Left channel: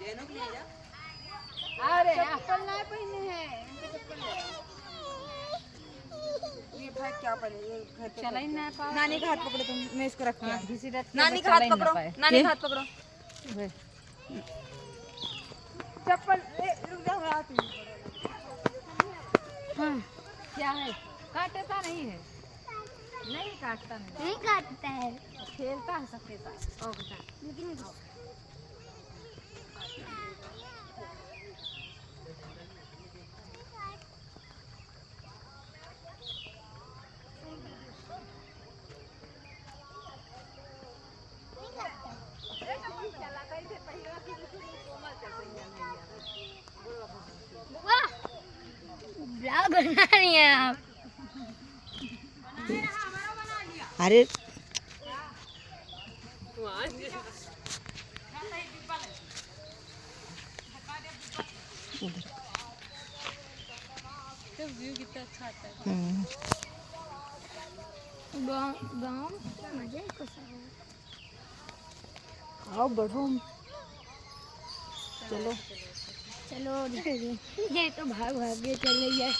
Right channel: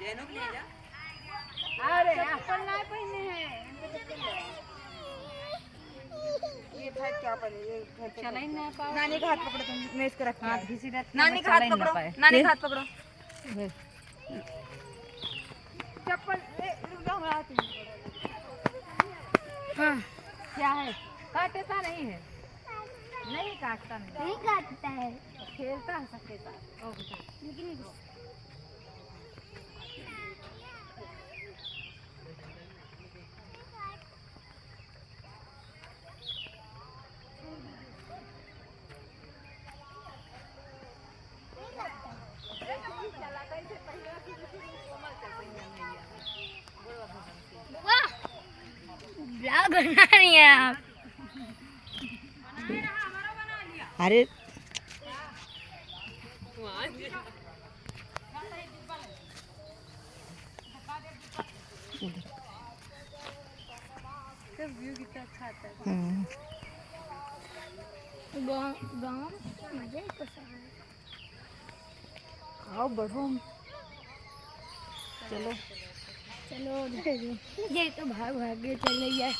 जैनो के ले जा। अरे चप्पल ना पहने हैं, इनको चप्पल ले। ये भाई क्या पहने? ये चला ही ना पाओ। नानी का हाथ पकड़ो तुम, मैं इसको रखती हूं। घिसी रख। नानी का हाथ पकड़ो, नानी का हाथ पकड़ो। चप्पल रुक जाओ, मैं आती हूं। हां क्या है? काटता नहीं है, नहीं काटता नहीं काटता है, खेलता है सबके साथ। ओ बेटा लेकिन ब्लॉग बना रही हैं आप? अरे व्यू कितना अच्छा आता है। गाँव मजे तो आओ बढ़ो, चलो चलो इधर तो भाग भाग के चले यार।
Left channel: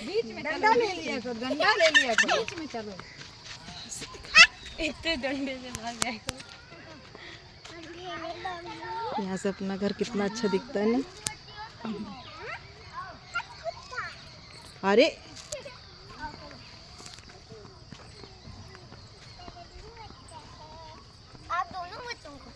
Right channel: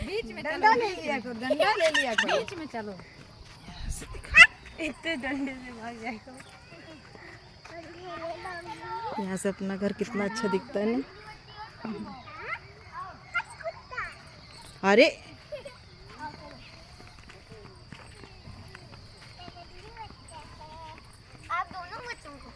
बीच में डंडा ले लिया करो, डंडा ले लिया करो, बीच में चलो। इतने डंडे से भाग जाए करो। यहाँ से अपना घर कितना अच्छा दिखता है ना। अरे आप दोनों बच्चों को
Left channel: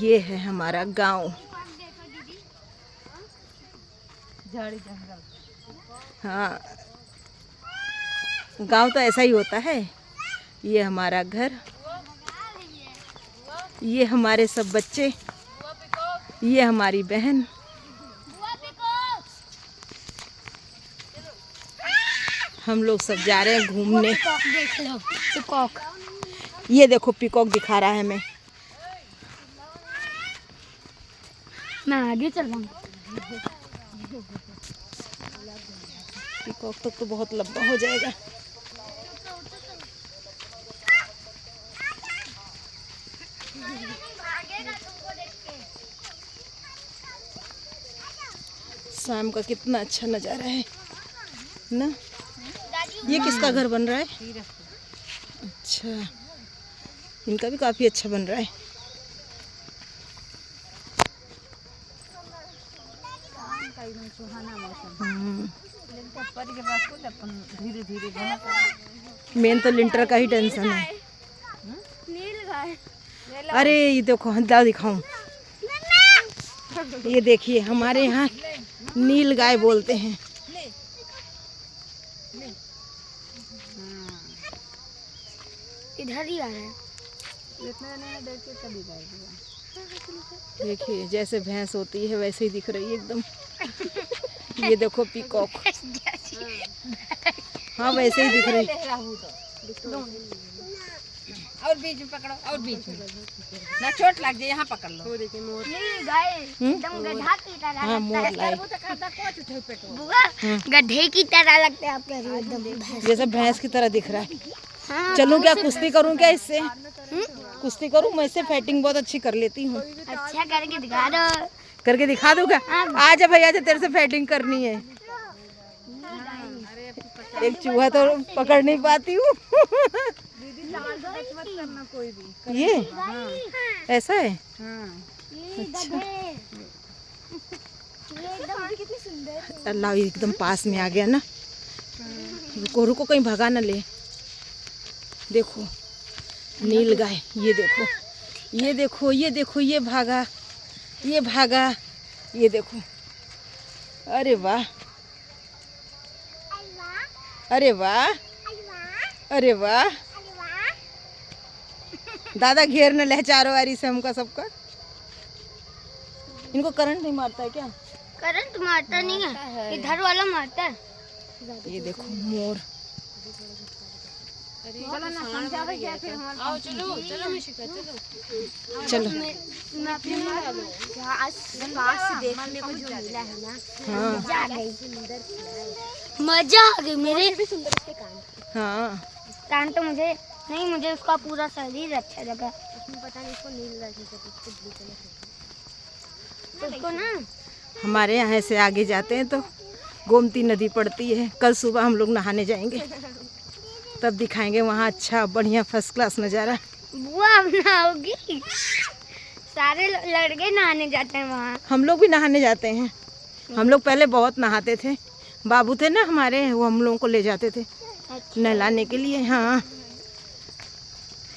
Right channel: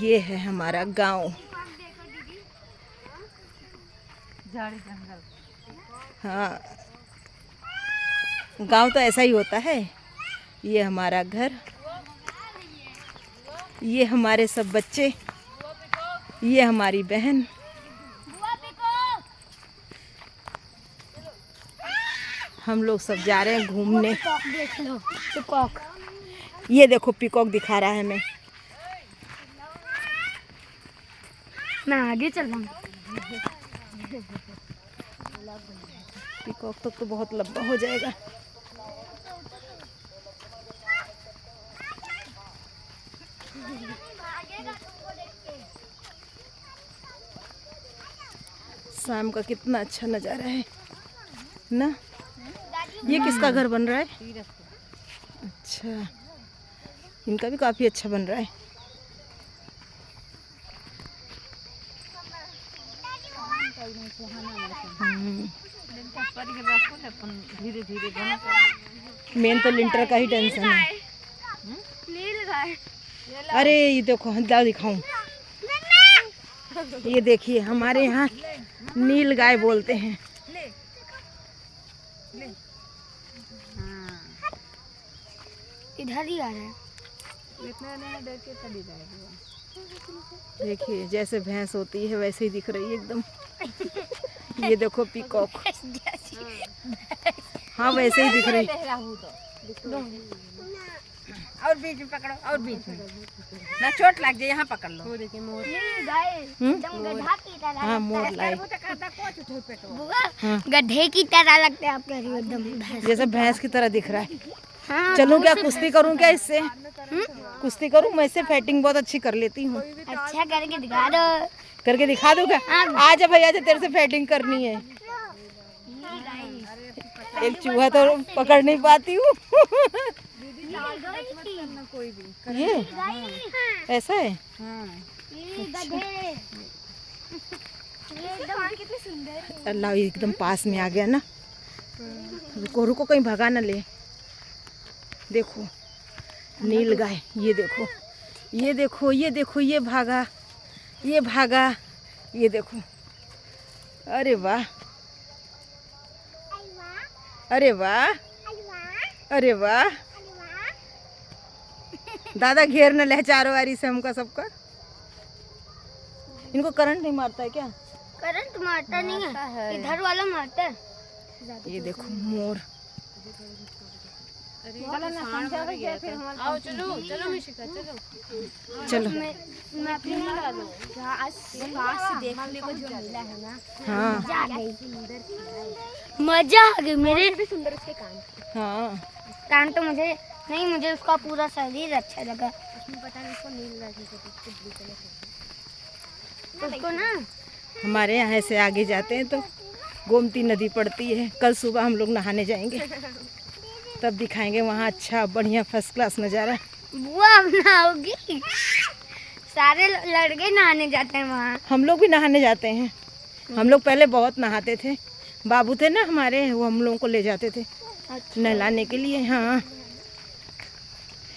ये है हमारा गांव। झाड़ी जंगल। हाँ, गांव तो ऐसा ही होता है। ये हमारा घर, ये हमारे सब बच्चे, ये हमारी बहन। हम लोग सब जा रहे हैं घूमने। देख लो पिकॉक। ये देखो पिकॉक दिखा रहा है हमें। मैं आगे चल रहा हूँ। पिकॉक तक तो बहुत लंबा हो जाएगा। शाम का कितना अच्छा नज़ारा है ना। ये किसका घर बन रहा है? अच्छा, इनका भी काफ़ी अच्छा बन रहा है। धीरे धीरे मेन तो लिंटर का ही टेंशन है। नील गाय। अरे ये देखो, जाओ दिखाऊं। ये देखिए, हमारे यहाँ नील गाय बोलते हैं। इधर ही आ रहे हैं। इतना नहीं देख के चली जाएगी। देखिए जैसे भैंस होती है वैसे ही दिख रही है एकदम। ये देखो पीकॉक, हाँ वैसे ही दिख रही। और बीच में पकड़ो, और बीच में ना चोट लग जाए। यहाँ पकड़ लो। नील गाय एकदम गधा की तरह। हाँ मोर लाइक, बुआ गधे की तरह लगते हैं आप कह रही हो एकदम। जैसे भैंस की तरह दिख रहा है। चलूं क्या, कुश्ती करूं क्या इससे? कुश्ती करूं? मैं इससे फाइटिंग बहुत अच्छी कर लेती हूँ। अच्छा करके दिखा दो। करके दिखा दूं क्या? आजा भैया, आजा, तेरे से फाइटिंग करनी है। एक चूहा तो पकड़ नहीं पाती हूँ। ये ऐसा है। अल्लाह, एकदम पास में आ गया ना। रुको रुको, कहीं भगा ना ले। देखो नील गाय, ये देखो, ये देखो, ये देखो, ये भागा, ये भागा, ये देखो। अरे वाह, अरे वाह, अरे वाह। दादा घेर न ले चारों वारी से हमका सबका। इनको करंट नहीं मारता है क्या? करंट मारता नहीं है, इधर वाला मारता है। ये देखो मोर, चलो ना समझा भैया फिर हम आओ चलो चलो निशिका चलो चलो। मैं अपनी से देखने को जो मिला है ना, हाँ मजा आ गई। मेरे भी सुंदर उसके कान। हाँ कान तो मुझे नहीं, मुझे उसका पूरा शरीर अच्छा लगा। उसमें पता नहीं उसको नील रखी थी, ब्लू कलर तो उसको ना। हमारे यहाँ से आगे जाते हैं तो गोमती नदी पड़ती है। कल सुबह हम लोग नहाने जाएंगे, तब दिखाएंगे वहाँ अच्छा बढ़िया फर्स्ट क्लास नज़ारा। बुआ अब नहाओगी? सारे लड़के नहाने जाते हैं वहाँ। हम लोग भी नहाने जाते हैं। हम लोग पहले बहुत नहाते थे। बाबू थे ना हमारे, वो हम लोगों को ले जाते थे नहलाने के लिए। हाँ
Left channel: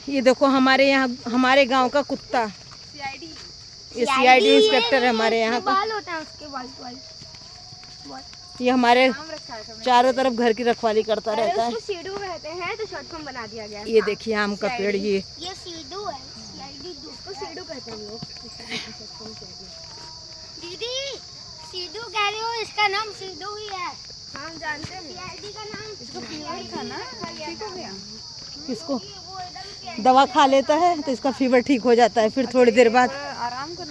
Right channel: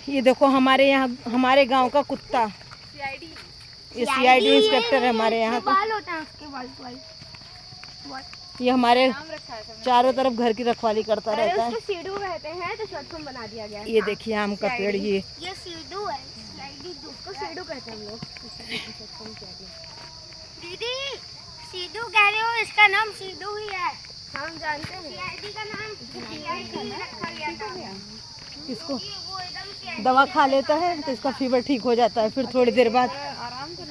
ये देखो हमारे यहाँ, हमारे गांव का कुत्ता, ये CID इंस्पेक्टर है हमारे यहाँ का। बाल होते हैं उसके, वाइट। ये हमारे चारों तरफ घर की रखवाली करता रहता है। सीडू रहते हैं तो शॉर्ट फॉर्म बना दिया गया है। ये देखिए आम का पेड़, ये सीडू है, उसको सीडू कहते हैं हम लोग। दीदी सीडू कह रहे हो, इसका नाम सीडू ही है। हम जानते हैं। CID का नाम इसको फीवर था ना, ठीक हो गया। इसको दवा खा लेता है तो इसका फीवर ठीक हो जाता है, फिर थोड़ी देर बाद।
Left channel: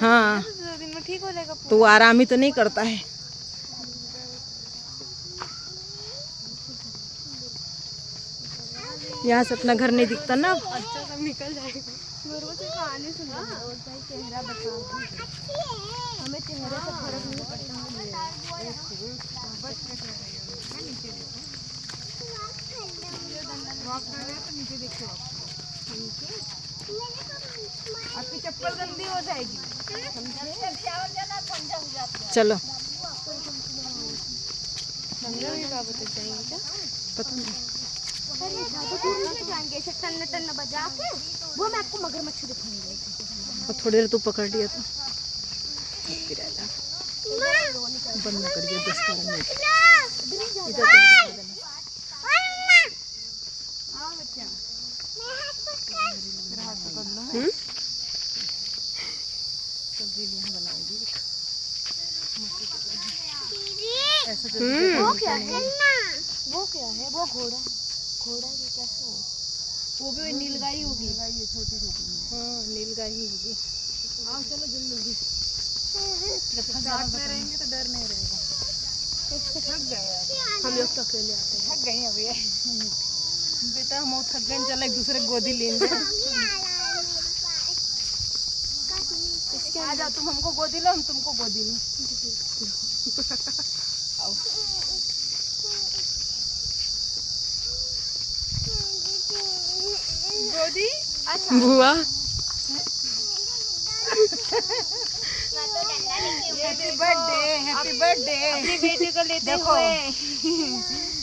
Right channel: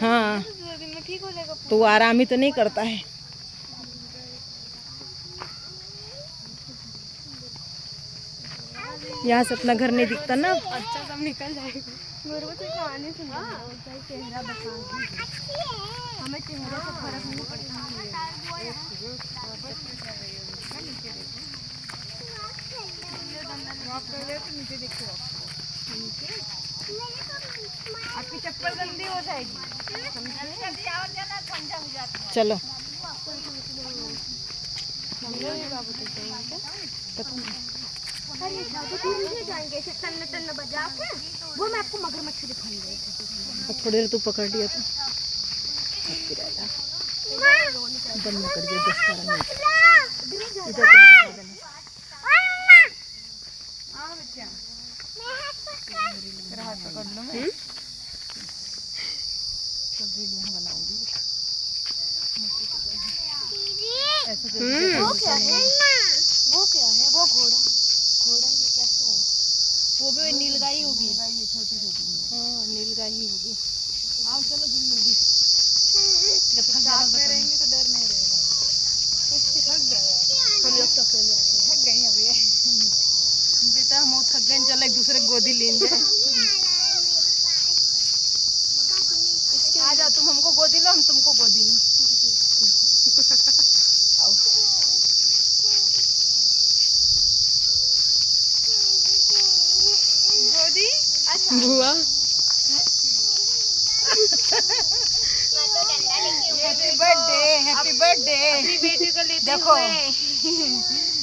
हाँ ठीक हो जाएगा। तो वो आराम ही तो नहीं करता है। यहाँ से अपना घर नहीं दिखता ना। अच्छा सब निकल जाएगा। मेरे को तो कहानी सुन रहा है, चेहरा बता हमें चेहरे से फर्क नहीं पड़ता। आपकी चप्पल गंदी हो जाएगी। चलो पता नहीं जाएंगे टन बजा के, वो मैं आपको मगरमच्छ दिखाऊंगी। और थोड़ी देर तू पकड़ लिया तो बंद कर दिया 10-12 मिनट। इधर वो क्या है? वो घोड़ा ये कैसे हो? वो भी नीलगाई होगी। ये छोटी नीलगाई ही होगी। हाँ चलो जल्दी जब थक रहेंगे तो डर नहीं रहेगा। थक गए हम लोग तो अकेले आते हैं। थक गए अभी बेटा, हम थक गए, चलो एक दूसरे गोदी लेंगे। आ जाओ, तुम हमको गोदी लो, हम तुमको गोदी लो। आओ गोदी। बुआ हैप्पी बर्थडे, हैप्पी बर्थडे। देखो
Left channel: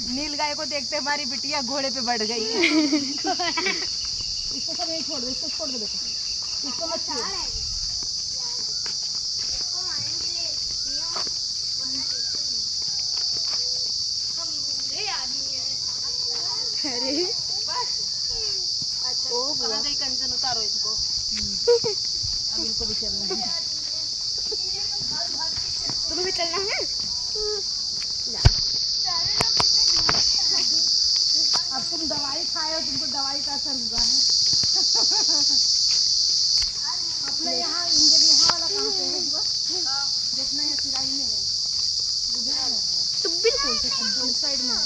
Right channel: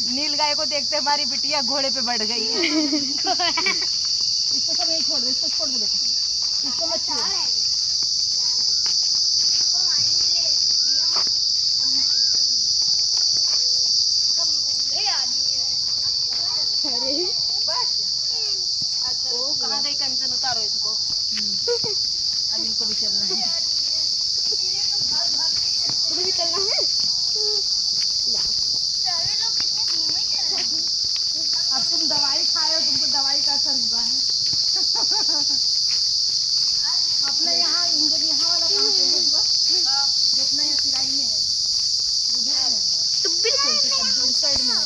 नीलगाय को देखते हमारी बिटिया घोड़े पे बढ़ गई है। इसको सब यहीं छोड़ दो, इसको छोड़ दो बेटा, इसको मत छोड़ो। अच्छा कहाँ गई कंचन, उतारो इसको। अब इनको भी चलना है। तुम्हें भी चलना है? अब तुम दवाई खाए हो, तुमको दवाई का असर हुआ है। अपना यहाँ इंजन यहाँ वाला कहाँ पे है हुआ? जो अपना यहाँ सिराई में है, बुझा है तो बिल्कुल साइड में है।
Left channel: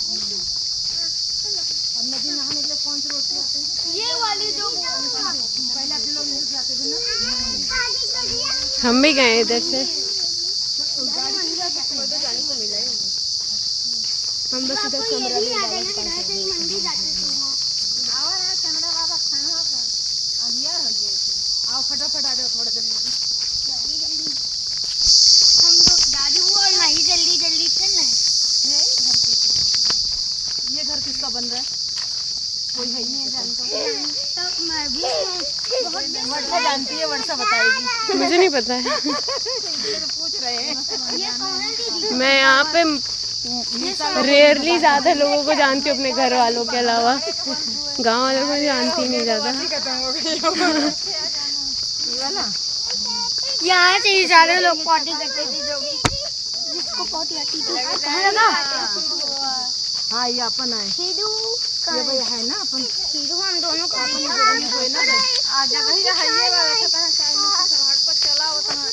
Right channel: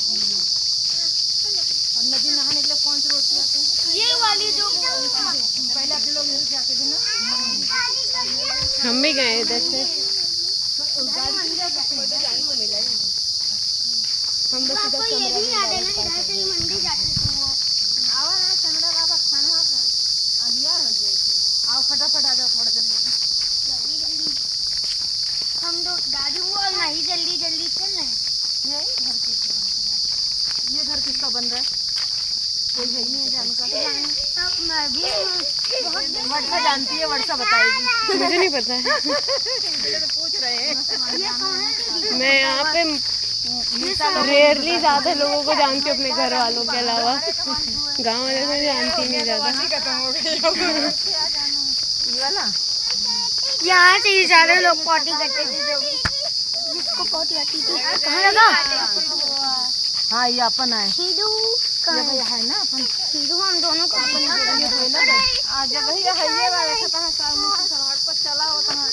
और नदी नहाने के लिए कौन सी रोड से जाते हैं? ये वाली जो पहले आप लोग यहीं जाते थे ना। हम भी गए इधर से। गाड़ी से जा सकते हैं, जाने को मिला है। हम बस इधर कमरा में मंदिर जाते थे। आवा ना कैमरा बाबा खाना अंधिया हो गया। आओ फटाफट आ जाओ, थोड़ा जल्दी। हम लोग दादी वो और नहीं जल्दी चल रहे हैं। ये घर किसका बन रहा है? कोई है ही नहीं है जानता। तो मैं भी बहुत वर्षा जानती है, वर्षा बताएगी। मुझे नहीं पता है। पूछ रहे हैं। ये कौन है दीदी? मैं यहाँ पे रेयरली ज्यादा लोगों को जानती हूँ अपने घर वालों के अलावा। गांव वालों को जानती नहीं ज्यादा। यहाँ से ही सारे लोग पॉटी करते थे, जो भी जिसको पॉटी आती थी। कहाँ लगा? हाँ ये अपन है। सीधू ये भैया है ना अपन हिंदू हम दोनों को अपन आ जगह ही है ये वाला से पहले सड़क पर चला होता है।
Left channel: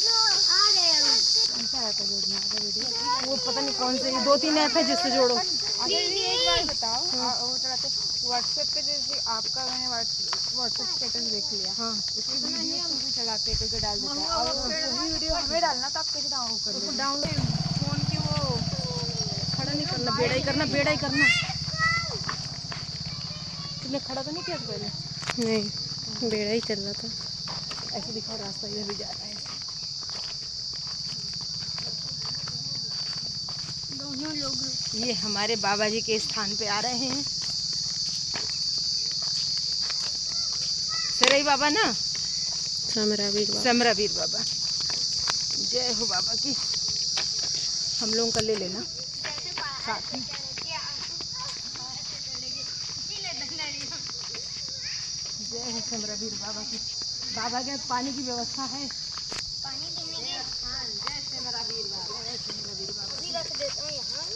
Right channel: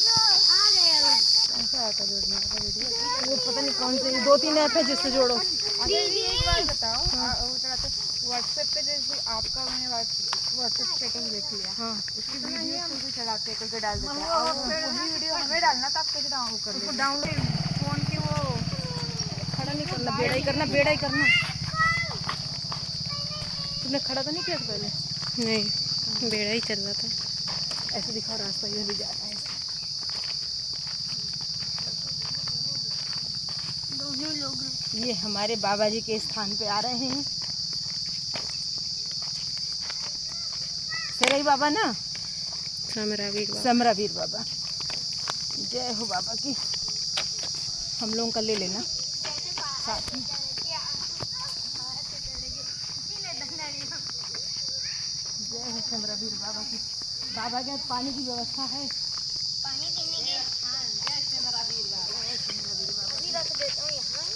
कैसा आता जोड़ना आपका वीडियो? वो पता नहीं कौन से 2-3 ऐप है जिससे जोड़ो। अच्छा ये एक बार बताओ, वो चलाते व्हाट्सएप पे, जैसे आपका मैंने व्हाट्सएप स्टेटस देख लिया, हाँ उसकी वीडियो कोई चलाते कोई को डाल देते हैं, और वही वीडियो हमें डालना तो आप कैसे डाउनलोड कर लेते? डाउनलोड फोन की वो खड़ा नहीं करना, बेड़ा ही करना, बेड़ा ही करना। तुमने खड़ा तो नहीं किया पहले? नहीं, बेड़ा ही चल रहा था। ऐसे दिखा रास्ता, इधर भी जा रहा है। दोनों लोग ये हमारे बाबा जी के स्थान पे आ रहे हैं। सेरई बाबा ना, समरावीर समरावीर बाबा। जय हो बाबा की। हम लोगों का ले लेना साथ में। जय हो समरावीर बाबा की। बाबा के पानी की व्यवस्था है। पानी देने के जय समरावीर बाबा, जय समरावीर बाबा। भी रख देते हैं यहाँ।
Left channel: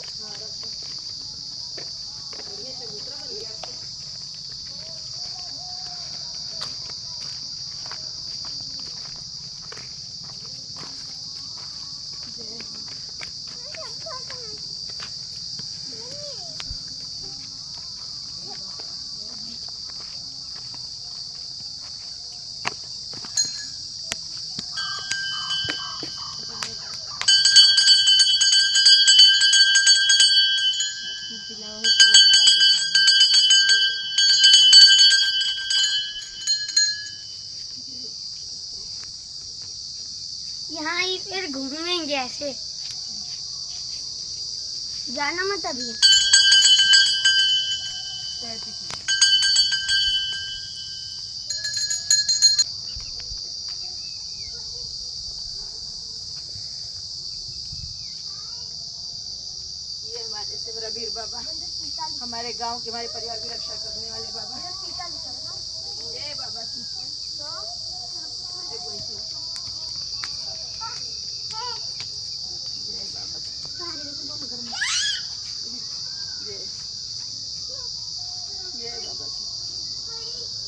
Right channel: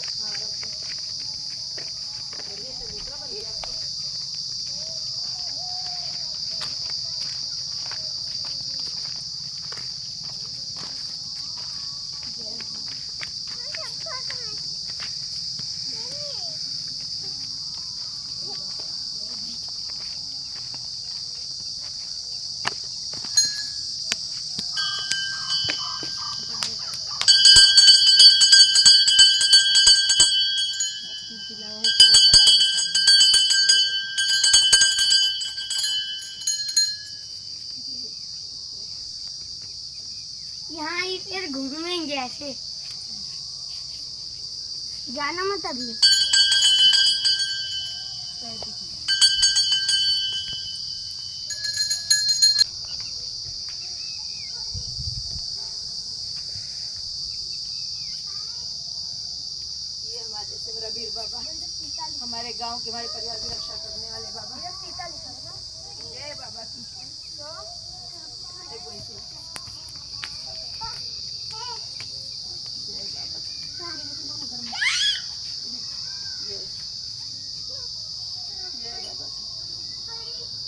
यहाँ ही फिर घूमेंगे ऐसे, जाना मत अभी। ये हमारे समरावीर बाबा, हमारे गांव के, हमारे परिवार की रक्षा करने वाले बाबा। जय बाबा की। देखो ऐसे। जय बाबा की। जय जय बाबा की।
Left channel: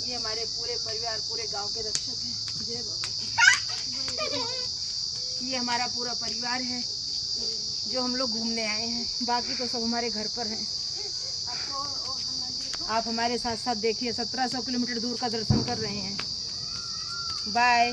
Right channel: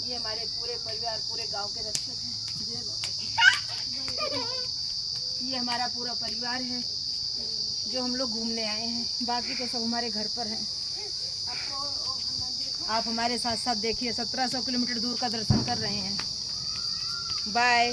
ये हमारे पूरे परिवार, पूरे गांव के रक्षक हैं। जय बाबा की। ये हमारा पूरा परिवार है जो हम लोग घूमने आए हैं, बाकी तो सब हमारे घर पर हैं। आप हमारे साथ साथ देखिए, 1700 किलोमीटर दूर का दर्शन कर रहे हैं। बाय।